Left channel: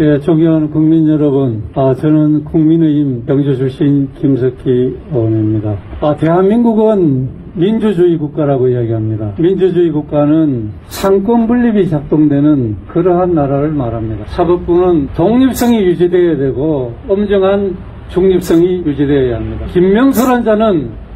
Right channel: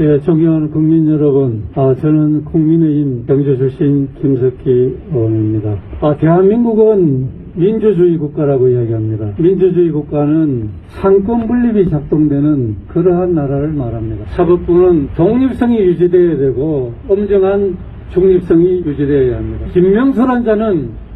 예, 존경하는 국민 여러분, 저는 국민의힘 경주 출신 김석희 의원입니다. 대한민국은 민주주의 국가라고 이야기합니다. 민주주의 국가는 상권 분립이 작동되는 그러한 나라를 말합니다. 사법부는 독립성이 유지되어야 되고 엄정한 중립성이 유지되어야 합니다. 김명수란 자는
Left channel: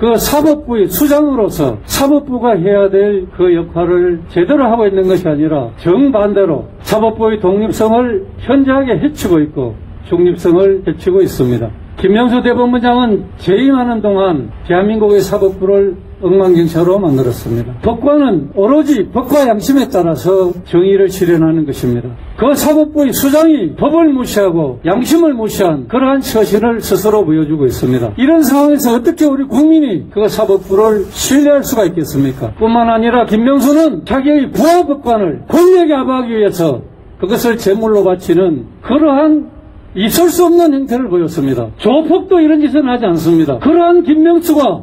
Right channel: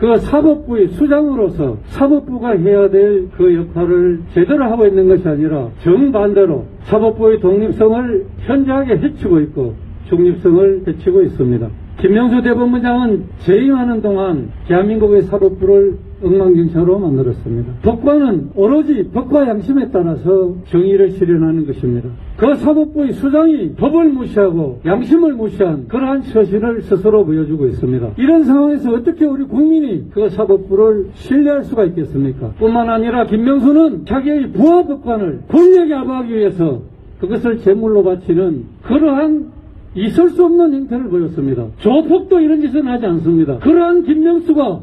그 사법부의 수장으로서 사법부가 해야 될 그 역할을 제대로 하고 있는 것이 아니라 정반대로 사법부의 독립성을 현저하게 해치고 있고 중립성을 해치고 있습니다. 김명수 대법원장은 재임하는 동안 대한민국의 사법부를 엉망진창으로 만들었습니다. 법관은 오로지 법과 양심에 따라서 정의를 실현하는 것입니다. 그 사법부의 수장이 법을 무시하고 양심을 무시한 그러한 처신을 스스로 보여주고 있습니다. 이런 상황에서 어떻게 우리 국민이 그 사법부를 신뢰할 수가 있겠습니까? 뿐만 아니라 김명수는 자기의 부하 법관을 권력에 압박하기 위해서 그것을 제물로 바치는 그러한 있을 수 없는 행태를 보였습니다. 조폭도 이런 짓은 하지 않습니다. 그러한 김명수가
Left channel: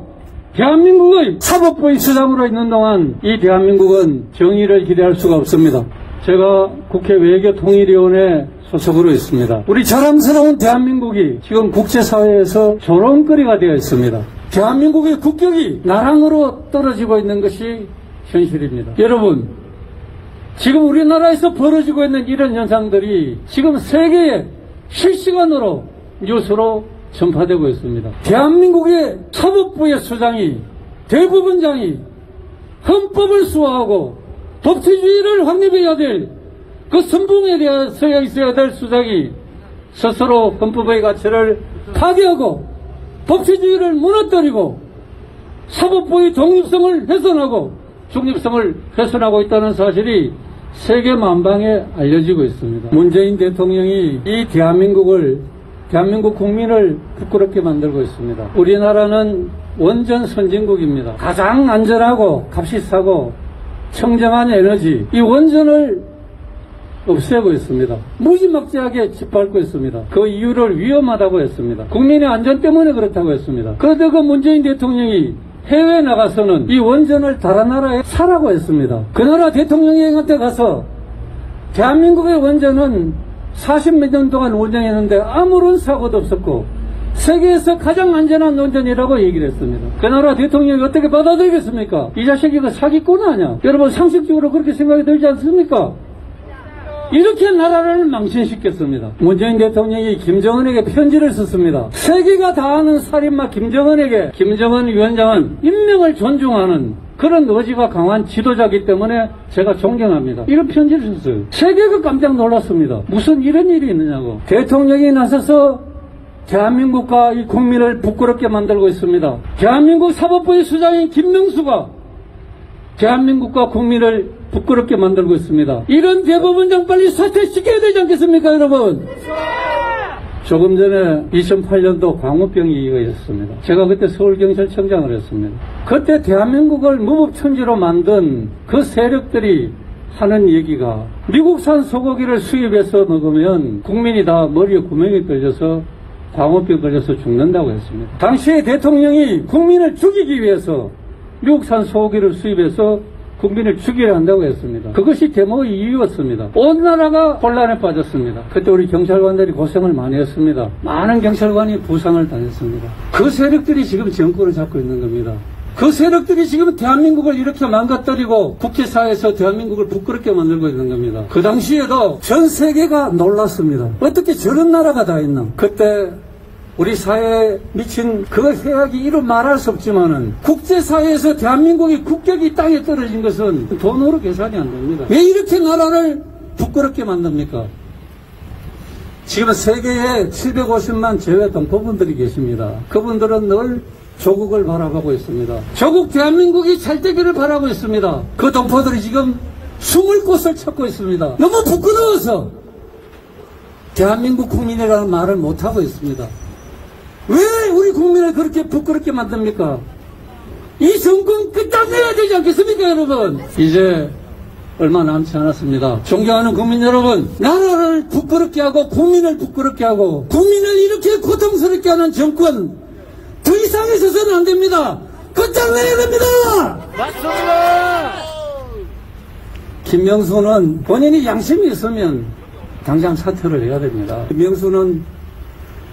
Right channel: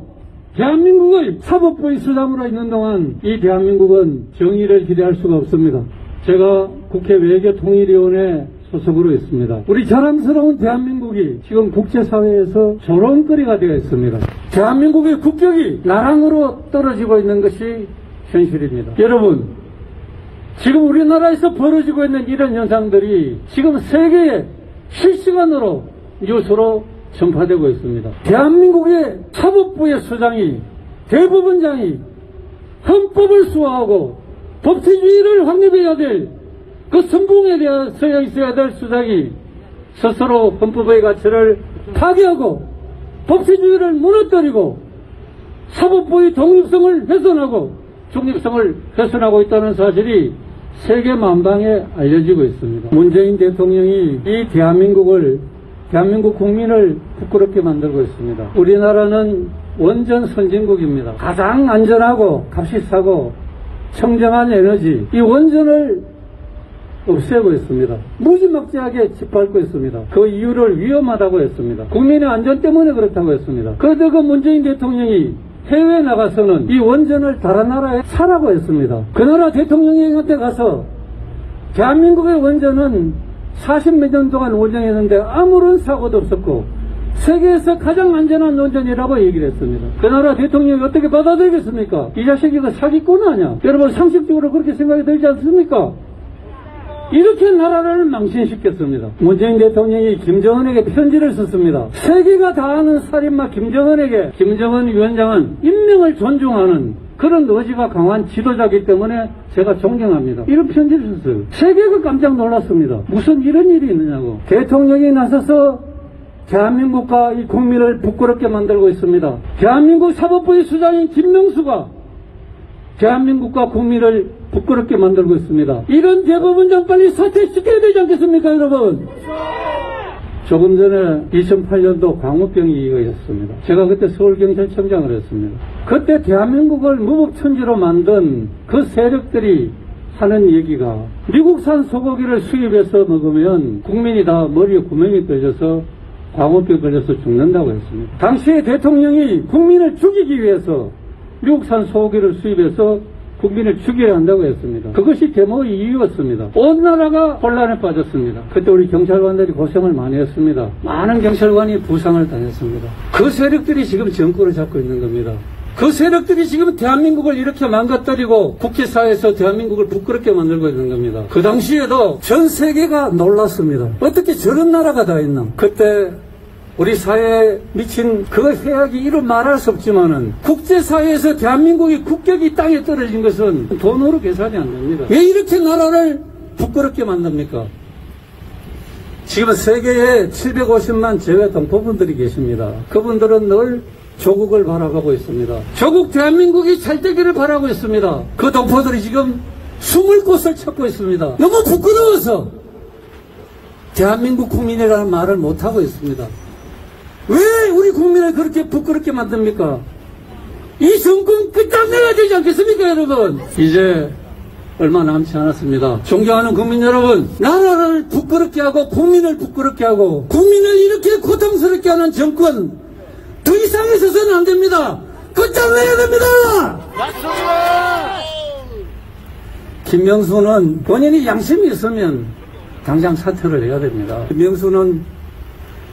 대한민국의 사법부의 수장으로 있는 동안 이 대한민국은 정의를 기대할 수가 없습니다. 제가 국회 외교통일위원회 소속으로 있습니다. 우리 자랑스러운 대한민국이 지금 국제사회에서 조롱거리가 되어 있습니다. 대한민국의 국격이 나락으로 떨어지고 있는 것이 현실입니다. 여러분, 지금 우리나라에서 벌어지고 있는 이런 현상들이 지금 세계에 실시간으로 뉴스로 전파되고 있습니다. 대한민국의 사법부의 수장이, 대법원장이 헌법을 수호하고 법치주의를 확립해야 될 그 선봉에 대해서 있어야 될 수장이 스스로 헌법의 가치를 파괴하고 법치주의를 무너뜨리고 사법부의 독립성을 훼손하고 중립성을 훼손하고 있다는 사실이 세계 만방에 알려지고 있습니다. 문재인 대통령이 이 대한민국 국민을 부끄럽게 만들고 있습니다. 우리나라는 원전 선진국입니다. 가장 안전하고 값이 싸고 청정한 에너지, 이 원전을 없애고 있습니다. 무지막지하게 짓밟고 있습니다. 그 이유를 위험하다고 했습니다. 국민의 안전 때문에 그렇다고 했습니다. 그런데 그 문재인 대통령이 해외에 나가서는 이 원전을 다른 나라에 사라고 했습니다. 그 나라 대통령한테 가서 대한민국의 원전은 40몇 년 동안 운영했는데 아무런 사고도 없었고 세계에서 가장 안전한 원전이라고 얘기를 했습니다. 그 나라 대통령이 어떻게 받아들이겠습니까? 이 자식이 그 사기꾼 아니야? 여러분 상식적으로 그렇게 생각이 들지 않습니까? 이렇게 나라를 망신시켰습니다. 문재인 대통령이 김정은에게 편지를 썼습니다. 세계가 다 아는 살인마 김정은에게 김정은 위원장은 인명을 존중하는 그런 의지가 강한 지도자이기 때문에 제가 존경합니다. 이런 편지를 썼어요. 세계가 깜짝 놀랐습니다. 무슨 이런 일이 있느냐고. 대통령이 나서서 대한민국과 이 국민을 부끄럽게 만들고 있습니다. 대한민국 사법부의 수장인 김명수가 대한민국과 국민을 부끄럽게 만들고 있습니다. 이런 대법원장 빨리 사퇴시켜야 되지 않겠습니까, 여러분? 조금 전에 2008년도 광우병이 있었습니다. 제가 그때 서울경찰청장을 했습니다. 그때 대한민국을 무법천지로 만든 그 세력들이 하는 얘기가 미국산 소고기를 수입해서 먹으면 국민이 다 머리에 구멍이 뚫려서 광우병 걸려서 죽는다고 했습니다. 당시에 대통령이 국민을 죽이기 위해서 미국산 소고기를 수입해서 국민을 죽이려 한다고 했습니다. 그것이 데모의 이유였습니다. 온 나라가 혼란에 빠졌습니다. 그때 우리 경찰관들이 고생을 많이 했습니다. 많은 경찰관이 부상을 당했습니다. 그 세력들이 지금 정권을 잡고 있는 겁니다. 그 세력들이 지금 대한민국을 이렇게 망가뜨리고 국제사회에서 대한민국을 부끄럽게 만들고 있는 겁니다. 그 당시에도 전 세계가 놀랐습니다. 어떻게 저런 나라가 다 있나. 그때 우리 사회에 미친 그 해악이 이루 말할 수 없지만은 국제사회에서 대한민국의 국격이 땅에 떨어진 것은 돈으로 계산이 안 됩니다. 왜 이렇게 나라를 부끄럽게 만듭니까? 지금 세계에 750만 제외 동포분들이 계십니다. 그분들은 늘 조국을 바라보고 있습니다. 조국 대한민국이 잘 되기를 바라고 있습니다. 그 동포들이 지금 숨을 곳을 찾고 있습니다. 너무 부끄러워서 대한민국 국민이라는 말을 못하고 있습니다. 왜 우리 국민을 그렇게 부끄럽게 만듭니까? 이 정권 끝장내야 되지 않겠습니까, 여러분? 이제 얼마 남지 않았습니다. 존경하는 국민 여러분, 나라를 부끄럽게 하고 국민을 부끄럽게 하고 국민을 이렇게 고통스럽게 하는 정권 더 이상 있어서는 안 됩니다. 끝장내야 됩니다. 맞습니다. 김명수는 본인이 양심이 있으면 당장 사퇴를 해야 됩니다. 김명수는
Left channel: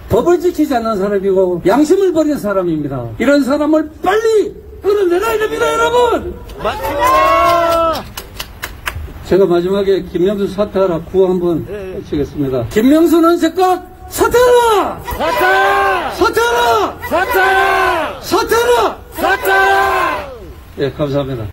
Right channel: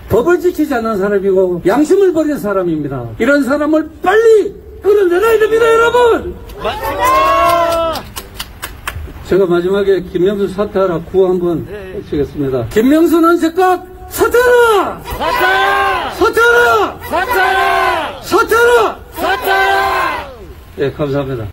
법을 지키지 않는 사람이고 양심을 버린 사람입니다. 이런 사람을 빨리 끌어내놔야 됩니다, 여러분! 맞습니다! 제가 마지막에 김명수 사퇴하라 구호 한번 치겠습니다. 김명수는 즉각 사퇴하라! 사퇴! 사퇴하라! 사퇴! 사퇴하라! 사퇴! 네, 감사합니다.